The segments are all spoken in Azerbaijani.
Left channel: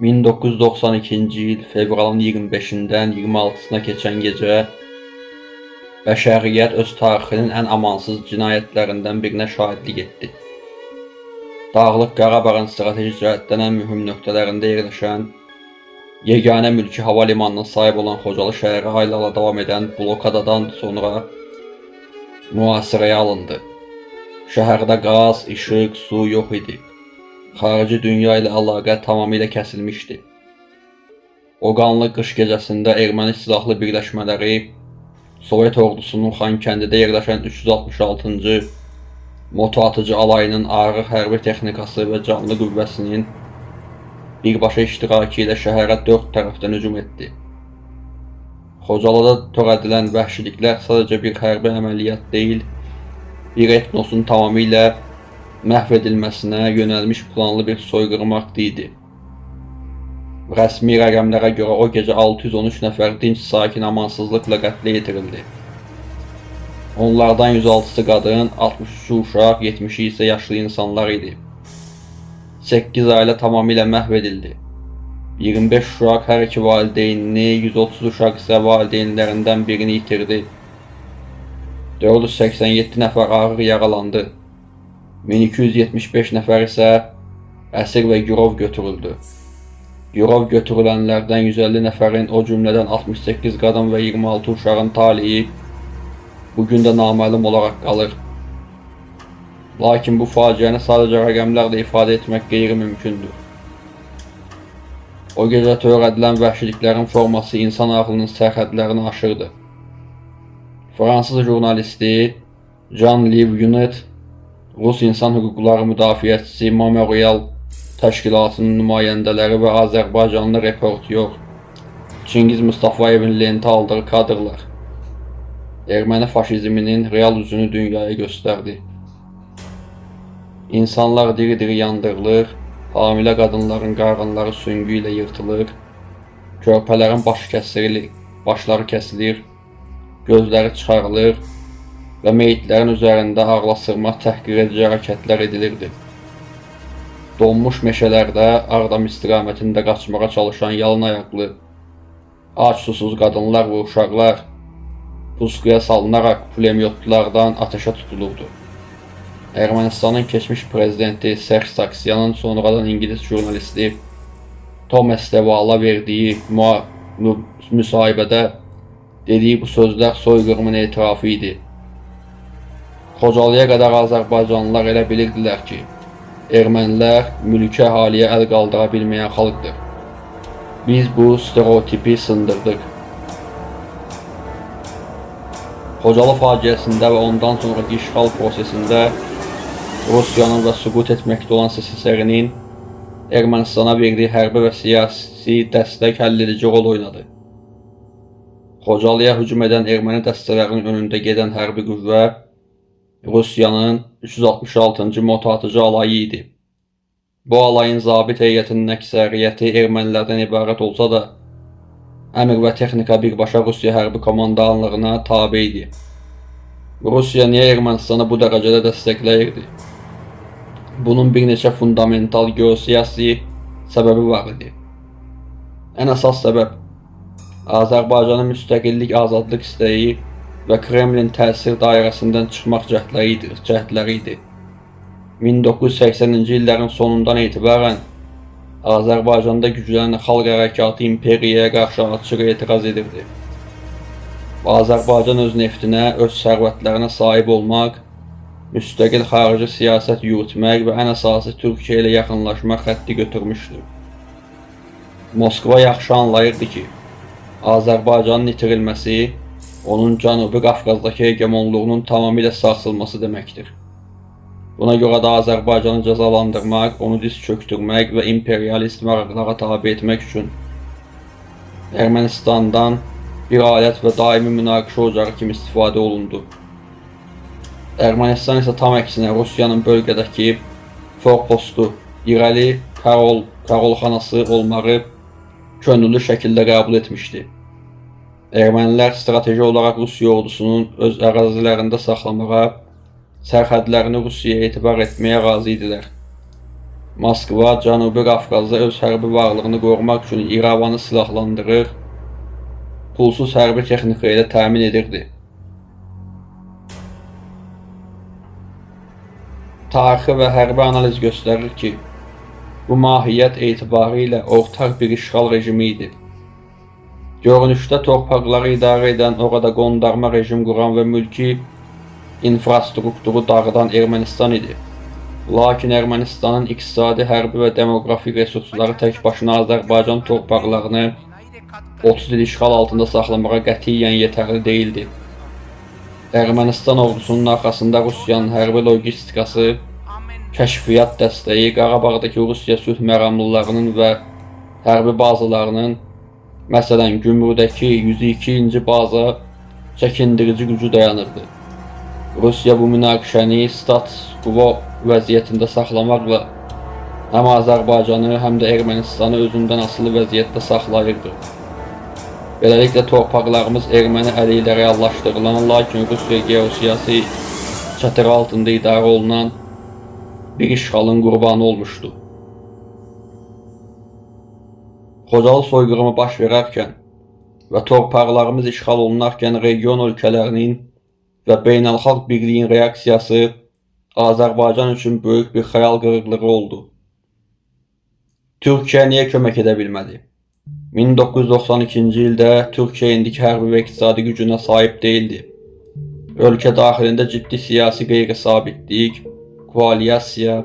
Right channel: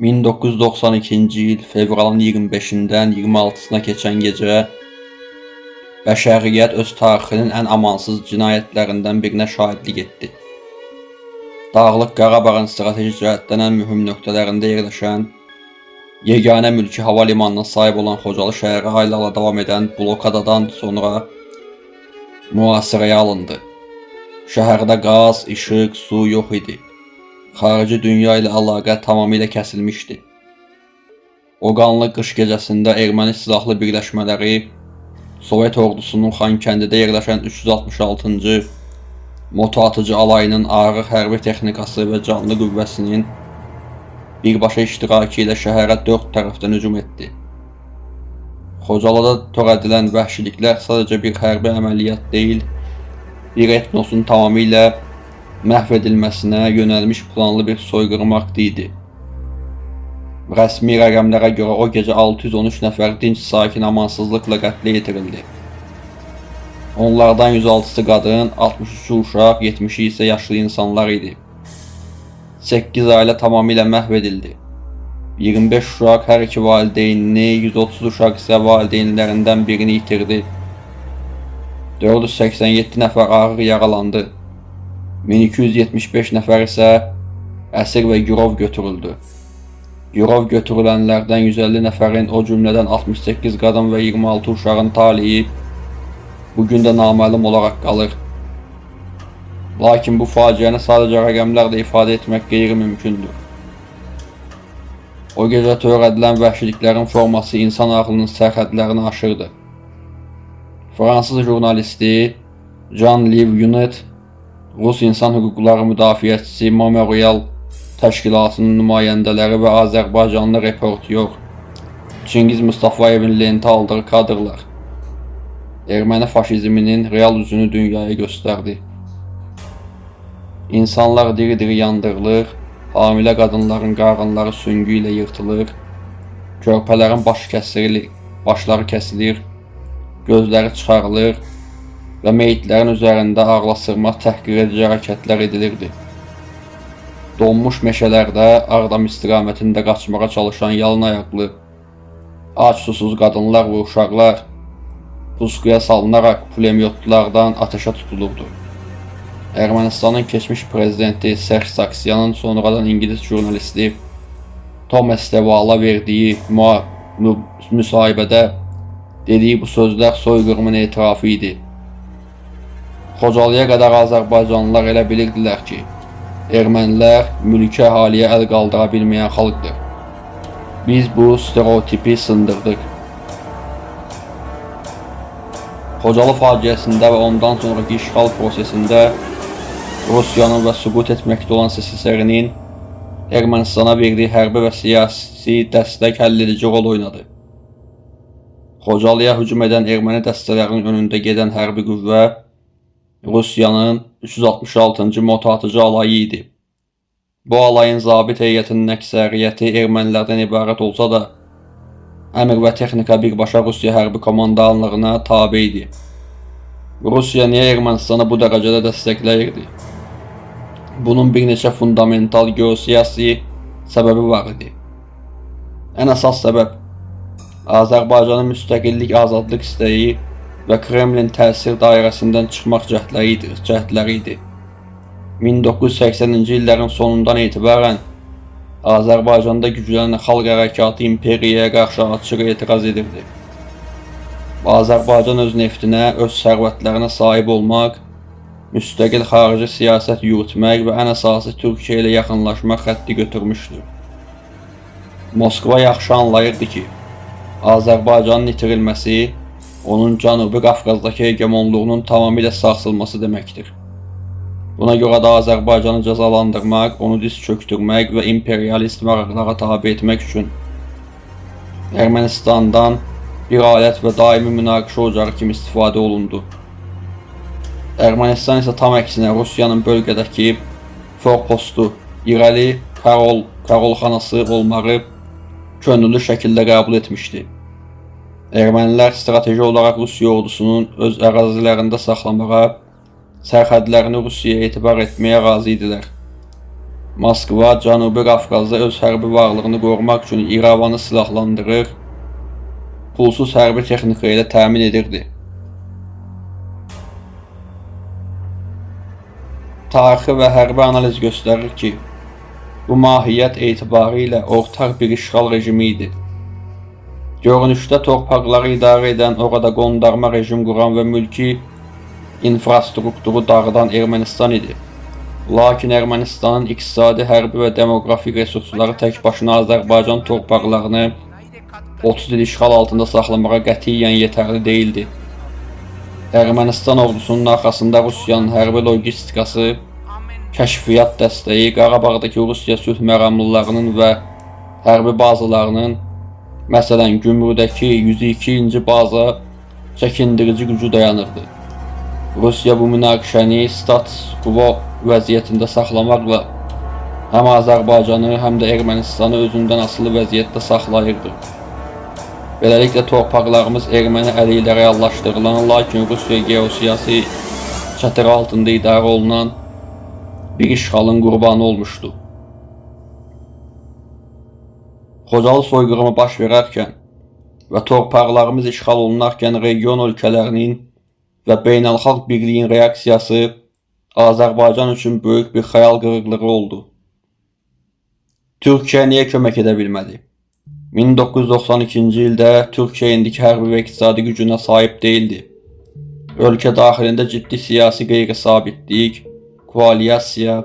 1992-ci il fevralın 25-dən 26-sına keçən gecə bəşəriyyət öz tarixinin ən amansız cinayətlərindən birinə şahidlik etdi. Dağlıq Qarabağın strateji cəhətdən ən mühüm nöqtələrində yerləşən, yeganə mülki hava limanına sahib olan Xocalı şəhəri aylarla davam edən blokadadan sonra mühasirəyə alındı. Şəhərdə qaz, işıq, su yox idi. Xarici dünya ilə əlaqə tamamilə kəsilmişdi. O qanlı qış gecəsində erməni silahlı birləşmələri Sovet ordusunun Xankəndidə yerləşən 366-cı motoatıcı alayının ağır hərbi texnikası və canlı qüvvəsinin birbaşa iştirakı ilə şəhərə 4 tərəfdən hücum etdi. Xocalıda törədilən vəhşiliklər sadəcə bir hərbi əməliyyat deyil, bir etnosun tamamilə məhv edilməsinə yönəlmiş planlı bir soyqırım aktı idi. Rəsmi rəqəmlərə görə o gecə 613 nəfər dinc sakin amansızlıqla qətlə yetirildi. Onlardan 106-sı qadın, 63-ü uşaq, 70-i isə yaşlı insanlar idi. 8 ailə tamamilə məhv edildi. 25 uşaq hər iki valideynini, 130 uşaq isə valideynlərindən birini itirdi. 487 nəfər ağır yaralandı. 1275 nəfər isə əsir və girov götürüldü. Girov götürülənlərdən 150 nəfərin, o cümlədən 68 qadın və 26 uşağın taliyi bugün də naməlum olaraq qalır. Lakin bu faciəni sadəcə rəqəmlərlə ifadə etmək qeyri-mümkündür. O gecə törədilən vəhşiliklərin forması insan ağlının sərhədlərini aşırdı. Fransız jurnalisti Jean-Liv Yunet, Rus insan hüquqları müdafiəçisi Memorial təşkilatının nümayəndələri və Azərbaycanlı reportyor Çingiz Mustafayevin lentə aldığı kadrlar erməni faşizminin real üzünü dünyaya göstərdi. İnsanlar diri-diri yandırılır, hamilə qadınların qarınları süngü ilə yırtılır, körpələrin başları kəsilir, gözləri çıxarılır və meyitlərin üzərində ağlasırma təhqir edici hərəkətlər edilirdi. Donmuş meşələrdə Ağdam istiqamətində qaçmağa çalışan yalın ayaqlı, ac susuz qadınlar və uşaqlar puskuya salınaraq pulemyotlardan ateşə tutulurdu. Ermənistanın keçmiş prezidenti Serj Sargsyanın sonradan İngilis jurnalisti Thomas Devala verdiyi müsahibədə dediyi bu sözlər soyqırımın etirafı idi. Xocalıya qədər Azərbaycanlılar elə bilirdilər ki, ermənilər mülki əhaliyə əl qaldıra bilməyən xalqdır. Biz bu stereotipi sındırdıq. Xocalı faciəsində və ondan sonraki işğal prosesində Rusiyanın və süqut etməkdə olan SSR-nin Ermənistana verdiyi hərbi və siyasi dəstək həlledici rol oynadı. Xocalıya hücum edən erməni dəstələrinin önündə gedən hərbi qüvvə Rusiyanın 366-cı motoatıcı alayı idi. Bu alayın zabit heyətinin əksəriyyəti ermənilərdən ibarət olsa da, əmr və texnika birbaşa Rusiya hərbi komandanlığına tabe idi. Rusiya niyə Ermənistanı bu dərəcədə dəstəkləyirdi? Bunun bir neçə fundamental geosiyasi səbəbi var idi. Ən əsas səbəb Azərbaycanın müstəqillik, azadlıq istəyi və Kremlin təsir dairəsindən çıxmaq cəhdləri idi. 1980-ci illərin sonundan etibarən Azərbaycanda güclənən xalq hərəkatı imperiyaya qarşı açıq etiraz edirdi. Azərbaycan öz neftinə, öz sərvətlərinə sahib olmaq, müstəqil xarici siyasət yürütmək və ən əsası Türkiyə ilə yaxınlaşmaq xətti götürmüşdür. Moskva yaxşı anlayırdı ki, Azərbaycanın itirilməsi onun Cənubi Qafqazdakı hegemonluğunun tamamilə sarsılması deməkdir. Buna görə də Azərbaycanı cəzalandırmaq, onu diz çöktürmək və imperialist maraqlara tabe etmək üçün Ermənistandan bir alət və daimi münaqişə ocağı kimi istifadə olundu. Ermənistan isə tam əksinə Rusiyanın bölgədəki forpostu, irəli Karolxanası olmağı könüllü şəkildə qəbul etmişdi. Ermənilər strateji olaraq Rusiya ordusunun öz ərazilərində saxlamağa, sərhədlərini Rusiyaya etibar etməyə razı idilər. Moskva Cənubi Qafqazda öz hərbi varlığını qorumaq üçün İrəvanı silahlandırır, pulsuz hərbi texnika ilə təmin edirdi. Tarixi və hərbi analiz göstərir ki, bu mahiyyət etibarı ortaq bir işğal rejimi idi. Görünüşdə torpaqları idarə edən, orada qondarma rejim quran və mülki infrastrukturu dağıdan Ermənistan idi. Lakin Ermənistanın iqtisadi, hərbi və demoqrafik resursları tək başına Azərbaycan torpaqlarını 30 il işğal altında saxlamağa qətiyyən yetərli deyildi. Ermənistan ordusunun arxasında Rusiyanın hərbi logistikası, kəşfiyyat dəstəyi, Qarabağdakı Rusiya sülh məramlılarının və hərbi bazalarının, məsələn, Gümrüdəki 102-ci baza çəkindirici gücü dayanırdı. Rusiya bu münaqişəni status quo vəziyyətində saxlamaqla həm Azərbaycanı, həm də Ermənistanı özündən asılı vəziyyətdə saxlayırdı. Beləliklə torpaqlarımız erməni əli ilə reallaşdırılan, lakin Rusiya geosiyasi çatığı altında idarə olunan bir işğalın qurbanı olmuşdu. Xocalı soyqırımı baş verərkən və torpaqlarımız işğal olunarkən region ölkələrinin və beynəlxalq birliyin reaksiyası Azərbaycan üçün böyük bir xəyal qırıqlığı oldu. Türkiyə niyə kömək edə bilmədi? 1992-ci ildə Türkiyə indiki hərbi və iqtisadi gücünə sahib deyildi. Ölkə daxilində ciddi siyasi qeyri-sabitlik, koalisiya,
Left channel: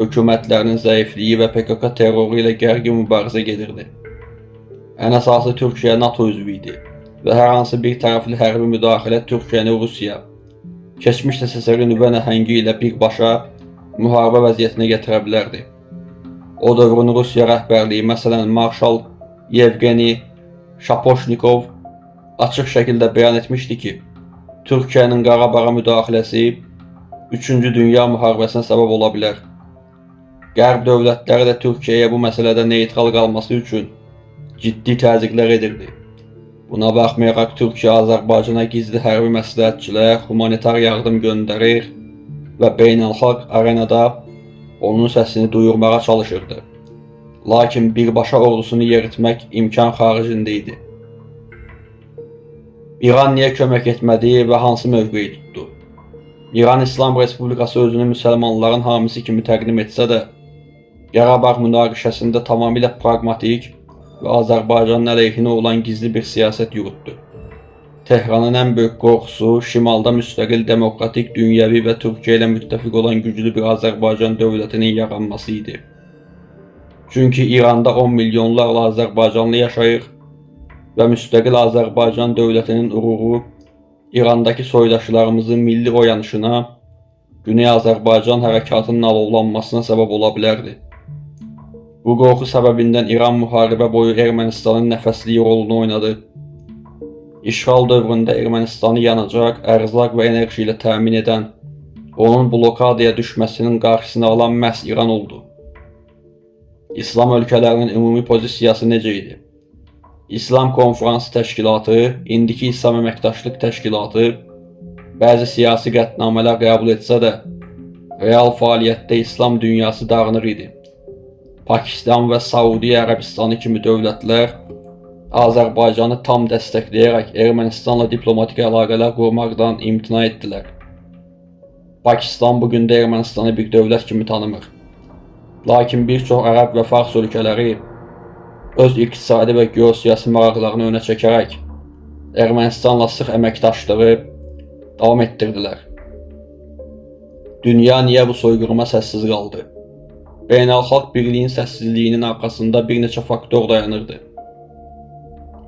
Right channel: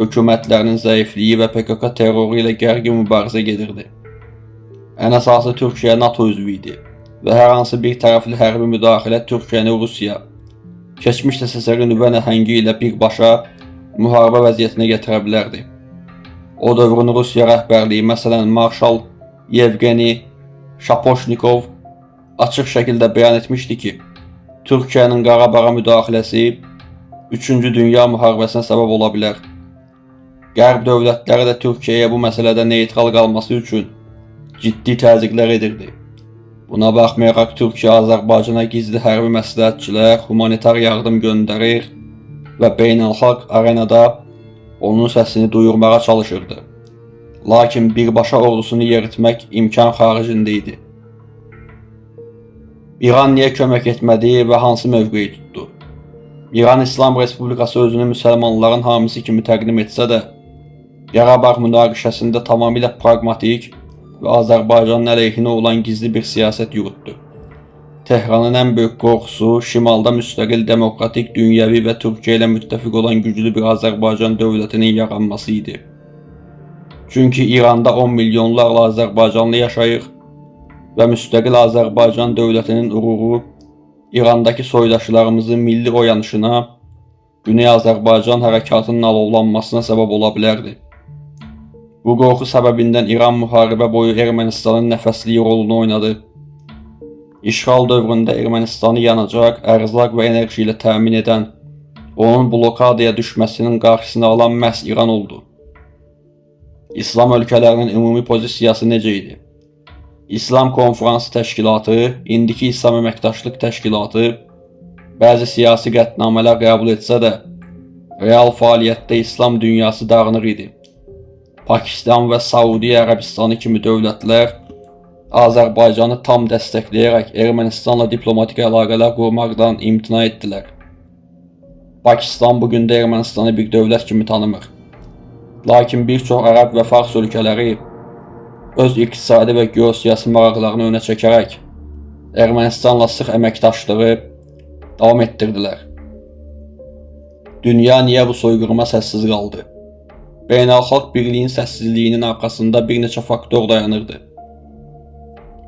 hökumətlərinin zəifliyi və PKK terroru ilə gərgin mübarizə gedirdi. Ən əsası Türkiyə NATO üzvü idi və hər hansı bir tərəfli hərbi müdaxilə Türkiyəni Rusiya, keçmiş SSR nüvə nəhəngi ilə birbaşa müharibə vəziyyətinə gətirə bilərdi. O dövrün Rusiya rəhbərliyi, məsələn, Marşal Yevgeni Şapoşnikov açıq şəkildə bəyan etmişdi ki, Türkiyənin Qarabağa müdaxiləsi 3-cü Dünya müharibəsinə səbəb ola bilər. Qərb dövlətləri də Türkiyəyə bu məsələdə neytral qalması üçün ciddi təzyiqlər edirdi. Buna baxmayaraq Türkiyə Azərbaycana gizli hərbi məsləhətçilər, humanitar yardım göndərir və beynəlxalq arenada onun səsini duyurmağa çalışırdı. Lakin birbaşa ordusunu yeritmək imkan xaricində idi. İran niyə kömək etmədi və hansı mövqeyi tutdu? İran İslam Respublikası özünü müsəlmanların hamisi kimi təqdim etsə də, Qarabağ münaqişəsində tamamilə praqmatik və Azərbaycanın əleyhinə olan gizli bir siyasət yürütdü. Tehranın ən böyük qorxusu şimalda müstəqil, demokratik, dünyəvi və Türkiyə ilə müttəfiq olan güclü bir Azərbaycan dövlətinin yaranması idi. Çünki İranda 10 milyonlarla Azərbaycanlı yaşayır və müstəqil Azərbaycan dövlətinin uğuru İrandakı soydaşlarımızın milli oyanışına, Güney Azərbaycan hərəkatının alovlanmasına səbəb ola bilərdi. Bu qorxu səbəbindən İran müharibə boyu Ermənistanın nəfəsliyi rolunu oynadı. İşğal dövründə Ermənistanı yanacaq, ərzaq və enerji ilə təmin edən, onun blokadaya düşməsinin qarşısını alan məhz İran oldu. İslam ölkələrinin ümumi pozisiyası necə idi? İslam Konfransı Təşkilatı, indiki İslam Əməkdaşlıq Təşkilatı bəzi siyasi qətnamələr qəbul etsə də, real fəaliyyətdə İslam dünyası dağınıq idi. Pakistan və Saudiya Ərəbistanı kimi dövlətlər Azərbaycanı tam dəstəkləyərək Ermənistanla diplomatik əlaqələr qurmaqdan imtina etdilər. Pakistan bugün də Ermənistanı bir dövlət kimi tanımır. Lakin bir çox ərəb və fars ölkələri öz iqtisadi və geosiyasi maraqlarını önə çəkərək Ermənistanla sıx əməkdaşlığı davam etdirdilər. Dünya niyə bu soyqırıma səssiz qaldı? Beynəlxalq birliyin səssizliyinin arxasında bir neçə faktor dayanırdı.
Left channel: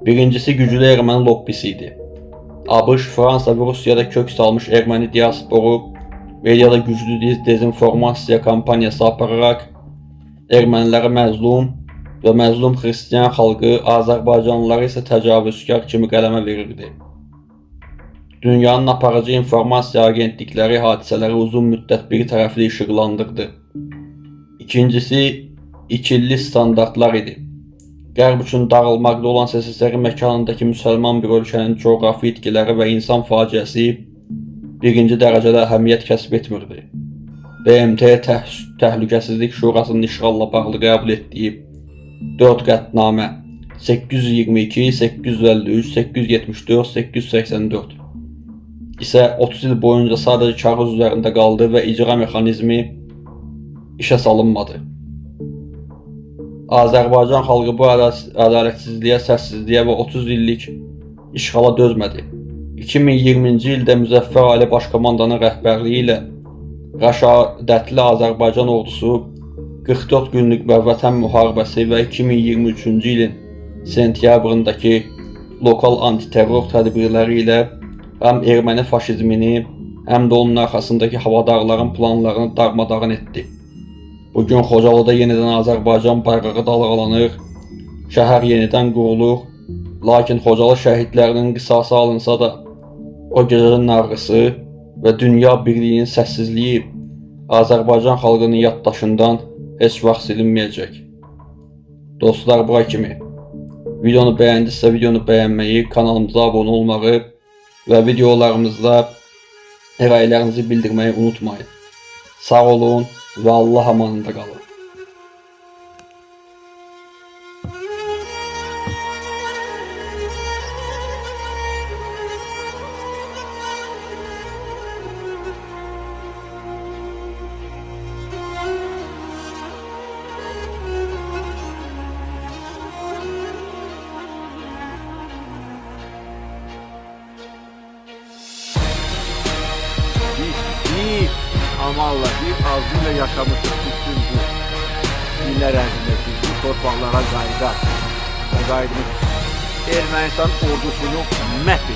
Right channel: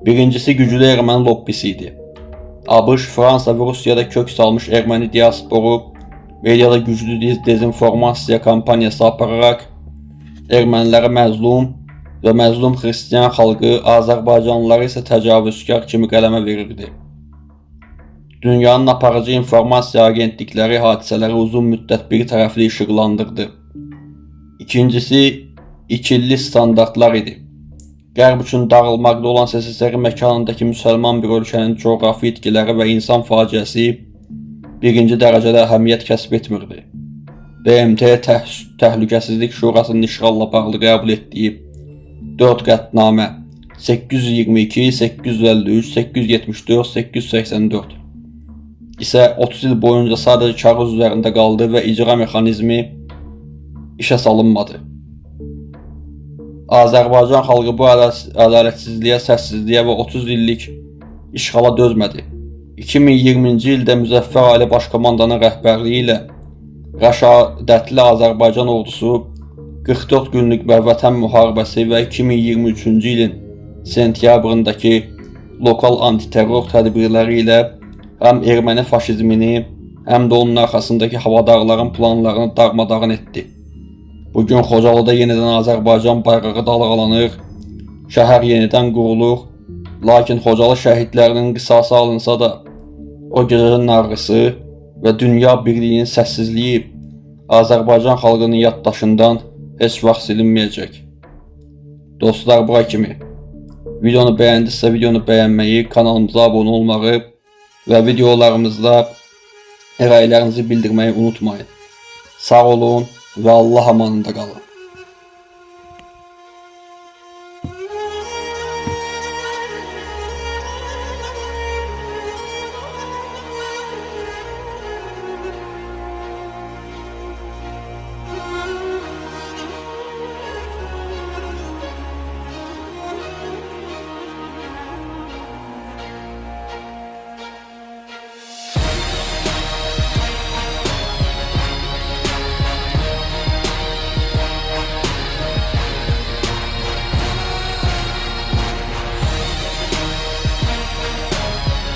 Birincisi güclü erməni lobbisi idi. ABŞ, Fransa və Rusiyada kök salmış erməni diasporu mediada güclü dezinformasiya kampaniyası apararaq erməniləri məzlum və məzlum xristiyan xalqı, Azərbaycanlıları isə təcavüzkar kimi qələmə verirdi. Dünyanın aparıcı informasiya agentlikləri hadisələri uzun müddət bir tərəfli işıqlandırdı. İkincisi, ikili standartlar idi. Qərb üçün dağılmaqda olan SSR məkanındakı müsəlman bir ölkənin coğrafi itkiləri və insan faciəsi birinci dərəcədə əhəmiyyət kəsb etmirdi. BMT Təhlükəsizlik Şurasının işğalla bağlı qəbul etdiyi 4 qətnamə 822, 853, 874, 884 isə 30 il boyunca sadəcə kağız üzərində qaldı və icra mexanizmi işə salınmadı. Azərbaycan xalqı bu ədalətsizliyə, səssizliyə və 30 illik işğala dözmədi. 2020-ci ildə Müzəffər Ali Başkomandanın rəhbərliyi ilə rəşadətli Azərbaycan ordusu 44 günlük Vətən müharibəsi və 2023-cü ilin sentyabrındakı lokal antiterror tədbirləri ilə həm erməni faşizmini, həm də onun arxasındakı havadarların planlarını darmadağın etdi. Bugün Xocalıda yenidən Azərbaycan bayrağı dalğalanır, şəhər yenidən qurulur, lakin Xocalı şəhidlərinin qisası alınsa da, o gecənin ağrısı və dünya birliyinin səssizliyi Azərbaycan xalqının yaddaşından heç vaxt silinməyəcək. Dostlar, bura kimi. Videonu bəyəndisə videonu bəyənməyi, kanalımıza abunə olmağı və videolarımızda rəylərinizi bildirməyi unutmayın. Sağ olun və Allah amanında qalın. Ağzıyla yaşamış günler ərzində torpaqlara qayıda, Ermənistan ordusunu məhv